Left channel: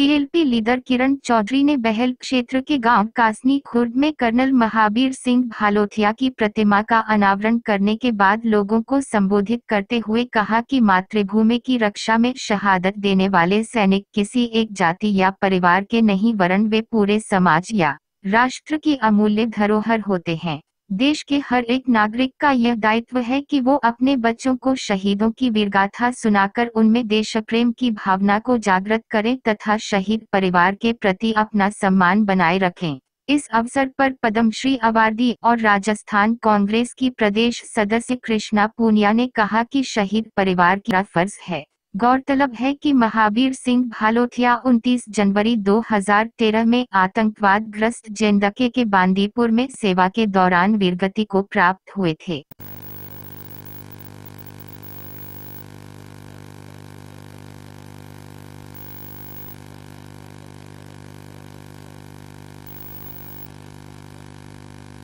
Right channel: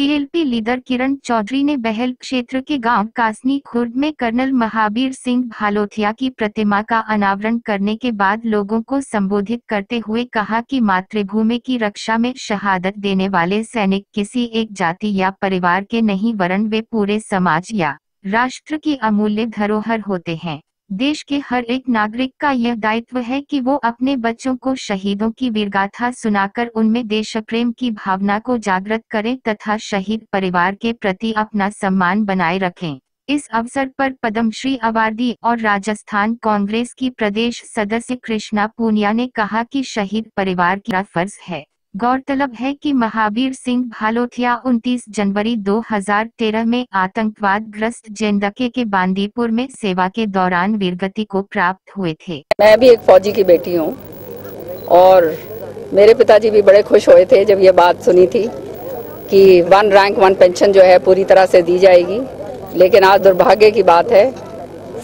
CLP leader Kiran Chaudhary ने बहल क्षेत्र के गांव कासनी खुर्द में कर्नल महावीर सिंह भालोथिया की प्रतिमा का अनावरण करने के बाद लोगों को संबोधित करते हुए कहा कि मातृभूमि की रक्षा में शहादत देने वाले सैनिक किसी एक जाति या परिवार के नहीं वरन वे पूरे समाज या राष्ट्र की अमूल्य धरोहर होते हैं। देश के हर एक नागरिक का यह दायित्व है कि वो अपने बच्चों को शहीदों की वीरगाथा सुनाकर उनमें देशप्रेम की भावना को जागृत करें तथा शहीद परिवार के प्रति अपना सम्मान बनाए रखें। इस अवसर पर पद्मश्री अवार्डी और राजस्थान कांग्रेस की प्रदेश सदस्य कृष्णा पूनिया ने कहा कि शहीद परिवार का फर्ज है। गौरतलब है कि महावीर सिंह भालोथिया 29 जनवरी 2013 में आतंकवाद ग्रस्त जेंदके के बांदीपुर में सेवा के दौरान वीरगति को प्राप्त हुए थे। मैं भी एक फौजी की बेटी हूँ और मेरे पिताजी भी बड़े खुश हुए थे जब ये बात सुनी थी कि 1 रैंक 1 पेंशन जो है पूरी तरह से दी जाएगी। लेकिन आज दुर्भाग्य की बात है,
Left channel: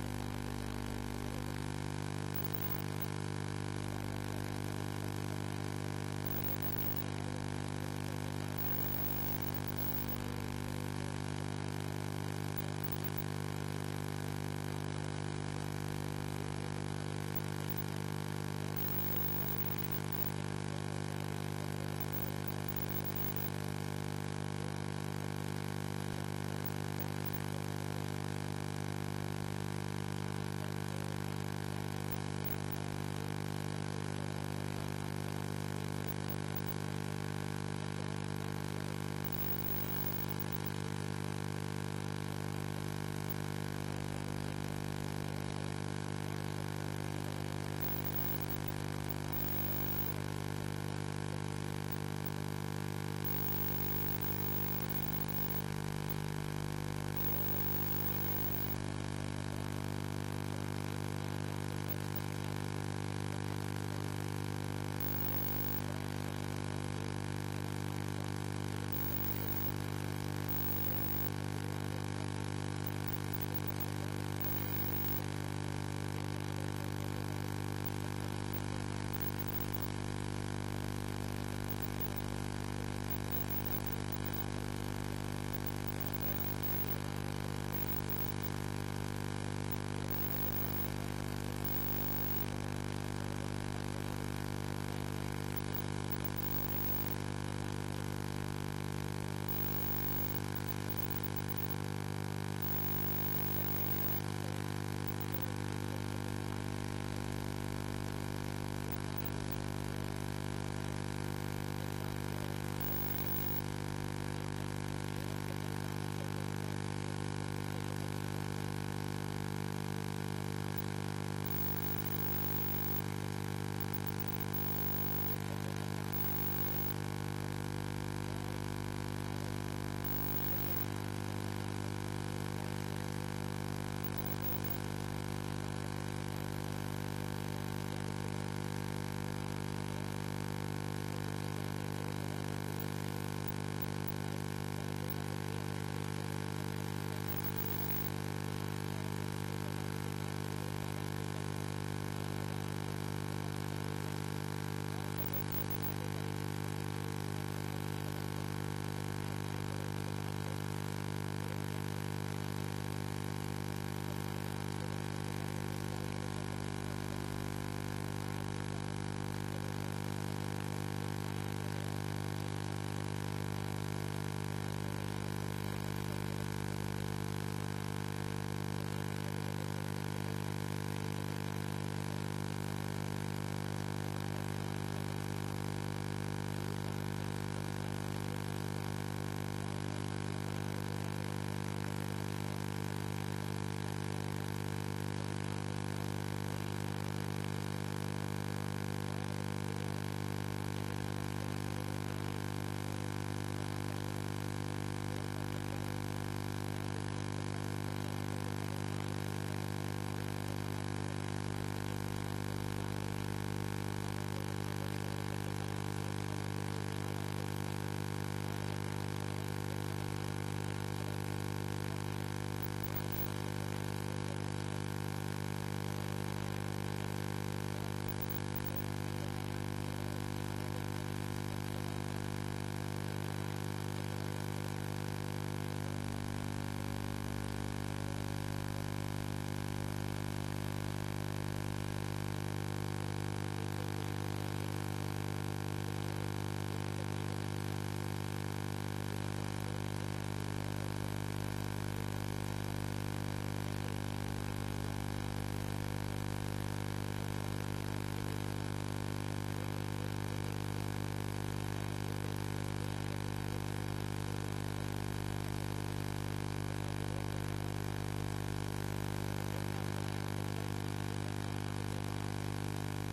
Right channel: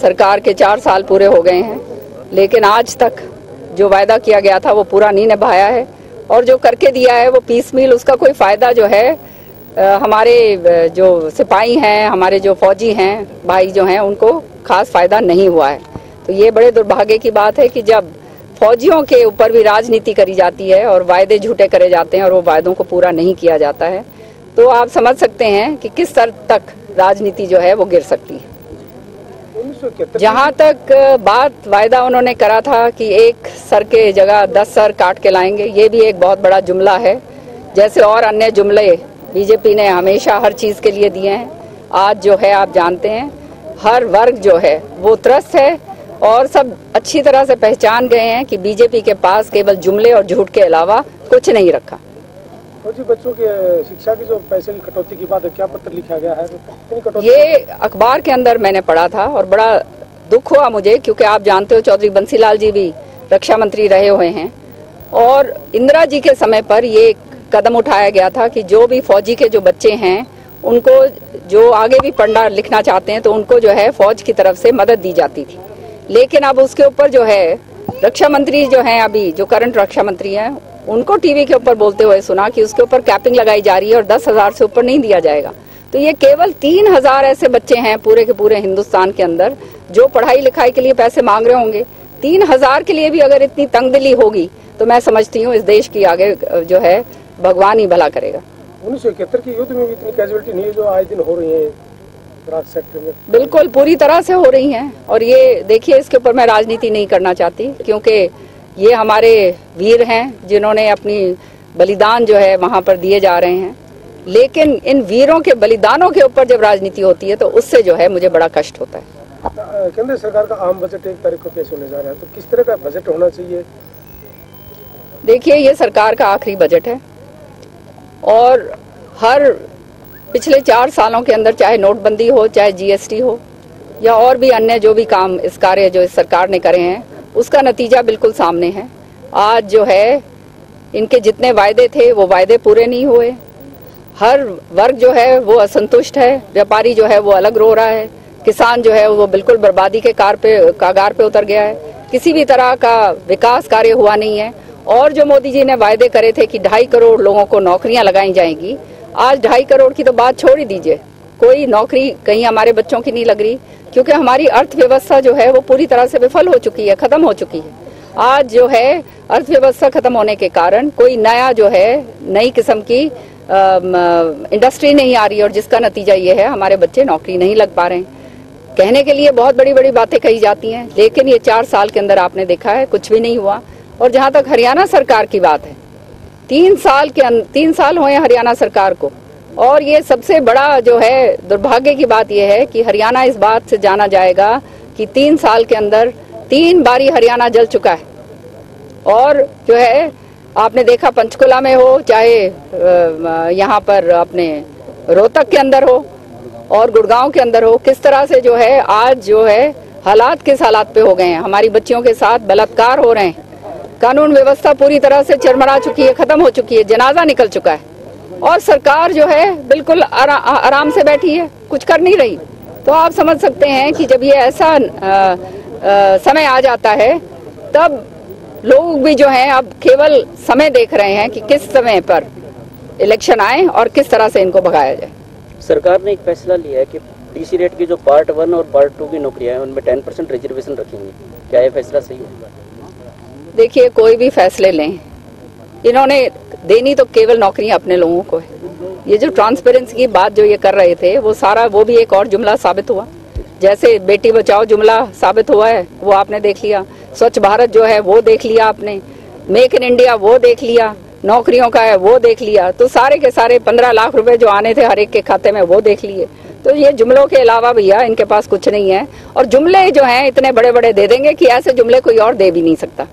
सरकार के 4 साल पूरे हो गए हैं, लेकिन आज तक जो वायदा किया गया था वो पूरा नहीं निभाया है और जो करके दिया है वो पीस मील, उसका कोई फ़ायदा जो है हमारे जो सिपाही हैं, हमारे जो फौजी हैं, भाई जो हैं, उनको खास फ़ायदा नहीं हुआ है। तो ये बड़े दुर्भाग्य की बात है कि जब फौजियों के ऊपर भी राजनीति करी जाती है और वायदे झूठे करे जाते हैं और वो वायदों को पूरा नहीं किया जाता है, तो आप समझ सकते हैं कि किस स्तर तक राजनीति जो है वो गिर सकती है। जहाँ तक बात वायदा उन्होंने करा था कि एक सर के जगह 10 सर काट के लाएंगे, ये भी एक बहुत बड़ा जुमला है। जैसे और अन्य जुमले बीजेपी ने हमेशा हर चीज़ के लिए दिए हैं, आज जो है आप जानते हैं हर वर्ग जो है वो त्रस्त है और सब अच्छी तरह से पहचान गए हैं कि बीजेपी के पास केवल जुमले और झूठ के अलावा कुछ नहीं रखा। बच्चों की शिक्षा की जो पैसे की कटौती की बात है, क्या पत्र लिखा गया है? ये अखबार के अंदर मैंने पढ़ा था और बड़ा दुख हुआ मुझे, क्योंकि आप जानते हो चौधरी बंसीलाल जी भी रक्षा मंत्री रहे हुए हैं और इंदिरा जी के समय पर ये कदम उठाया गया था कि जो भी फौजी के जो बच्चे हैं उनको जो आगे भी पढ़ना लिखना चाहते हैं तो उनको जो है फौज की तरफ से मदद दी जाती थी। लेकिन अब उसके ऊपर जो है रक्षा मंत्री जो हैं, अभी जो करंट रक्षा मंत्री हैं, उनको टीवी के ऊपर बोलते हुए सुना कि उसके ऊपर कैपिंग लगाई जा रही है और 10,000 से ऊपर नहीं दिया जाएगा। तो ये केवल 3,000 ऐसे बच्चे हैं पूरे के पूरे हिंदुस्तान के अंदर जो पढ़ाई लिखाई के लिए पैसे मांग रहे होंगे। 3,000 के लिए भी अगर इतनी तंगदिली होगी तो मैं समझती हूँ इस देश की आगे जो है भगवान ही भला करेगा। 1971 के युद्ध में भी इतनी कैजुअलिटी नहीं है जो आज दिन हो रही है सेक्टर में। बिल्कुल पूरी तरह से हो रही हैं और ये देखिए, इसके ऊपर मैं राजनीति नहीं करना चाहती क्योंकि ये हमारे वीर हैं जिन्होंने अपनी बलिदान जो है वहाँ पर दिए जा रहे हैं। लेकिन इन वीरों के बलिदानों के ऊपर जब राजनीति होती है तो उससे जो है मुझे बड़ा कष्ट होता है। केंद्र सरकार का आम बजट 1 तारीख को पेश होने जा रहा है, तो किस तरह का बजट होना चाहिए? देखिए, ये सरकार का आखिरी बजट है और हर पिछले 4 सालों के अंदर चाहे नोटबंदी हो, चाहे जीएसटी हो या और भी अन्य जो भी काम इस कार्य जो इस सरकार ने करे हैं, उसका नतीजा बिल्कुल सामने है। आज जो है इनके जितने वायदे थे वो वायदे पूरे नहीं हुए। हर वर्ग जो है वो असंतुष्ट है, व्यापारी जो है वो अलग रो रहा है, किसान जो है वो बिल्कुल बर्बादी के कागार पे उतर गया है। किसी भी तरह का विकास कार्य हुआ नहीं है और जो मोदी जी ने वायदे करे थे कि 2.5 करोड़ लोगों को नौकरियां लगाई जाएंगी, आज 2.5 करोड़ की तो बात छोड़ ही दीजिए, कोई नौकरी कहीं हमारे बच्चों की नहीं लग रही, क्योंकि हमारी अर्थव्यवस्था जो है वो पूरी तरह से विफल हो चुकी है, खत्म हो चुकी है। आज जो है अर्थव्यवस्था खत्म होने के कारण कोई नया जो है नई किस्म की इंडस्ट्री नहीं आ रही और जिसका नतीजा ये है हमारे बच्चे नौकरी नहीं लग पा रहे हैं। कहने के लिए बहुत बड़ी बड़ी बातें कही जाती हैं, लेकिन ये 4 साल के अंदर आपने देखा है कुछ भी नहीं हुआ। और जहाँ तक हरियाणा सरकार की बात है, 3 साल हुए हरियाणा सरकार को और ये सबसे बड़ा जो है दुर्भाग्य की बात यह है कि हरियाणा इस बात से जाना जाएगा कि 3 साल के अंदर 3 बारी हरियाणा जल चुका है। और जो है आपने देखा पंचकुला में हो, चाहे यहाँ पर अपने रोहतक के अंदर हो और गुड़गांव के अंदर हो, किस तरह से जो है आज जो है हालात किस हालात पे हो गए हैं। हमारी बच्चियों के साथ बलात्कार हो रहे हैं, कानून व्यवस्था पूरी तरह से चरमरा चुकी है, खत्म हो चुकी है, जनाजा निकल चुका है और सरकार जो है बिल्कुल आराम से बैठी है, कुछ कर नहीं रही। तो आप समझ सकते हैं कि जब ये ऐसा समय आ जाता है तब लोग भी जो हैं अब केवल समय देख रहे हैं कि किस समय पर इलेक्शन आए और किस तरह से इनको भगाया जाए। सरकार ने एक फैसला लिया है कि डीसी रेट की जो पार्ट 1 और पार्ट 2 की नौकरियां हैं उनमें 10% रिजर्वेशन रखेंगे, क्या ये फैसला सही होगा? देखिए, कोई भी फैसले लें, इन्होंने देनी तो केवल नौकरियां अपने लोगों को है। ये जो ट्रांसपेरेंसी की बात जो ये कर रहे थे वो सारा वो भी एक और जुमला साबित हुआ। जैसे बेटी बचाओ जुमला साबित हुआ है वो आपने देख लिया, स्वच्छ भारत जो है वो देख लिया आपने, मेक इन इंडिया वो देख लिया, नौकरियों का है वो देख लिया, तो सारे के सारे 15 लाख रुपए जो आने थे हर एक के खाते में वो देख लिए। तो ये जुमलों के अलावा भैया इनके पास कुछ नहीं है, और जुमले जो हैं इतने बड़े बड़े दे देंगे कि ऐसे जुमले कोई और दे भी नहीं सकता।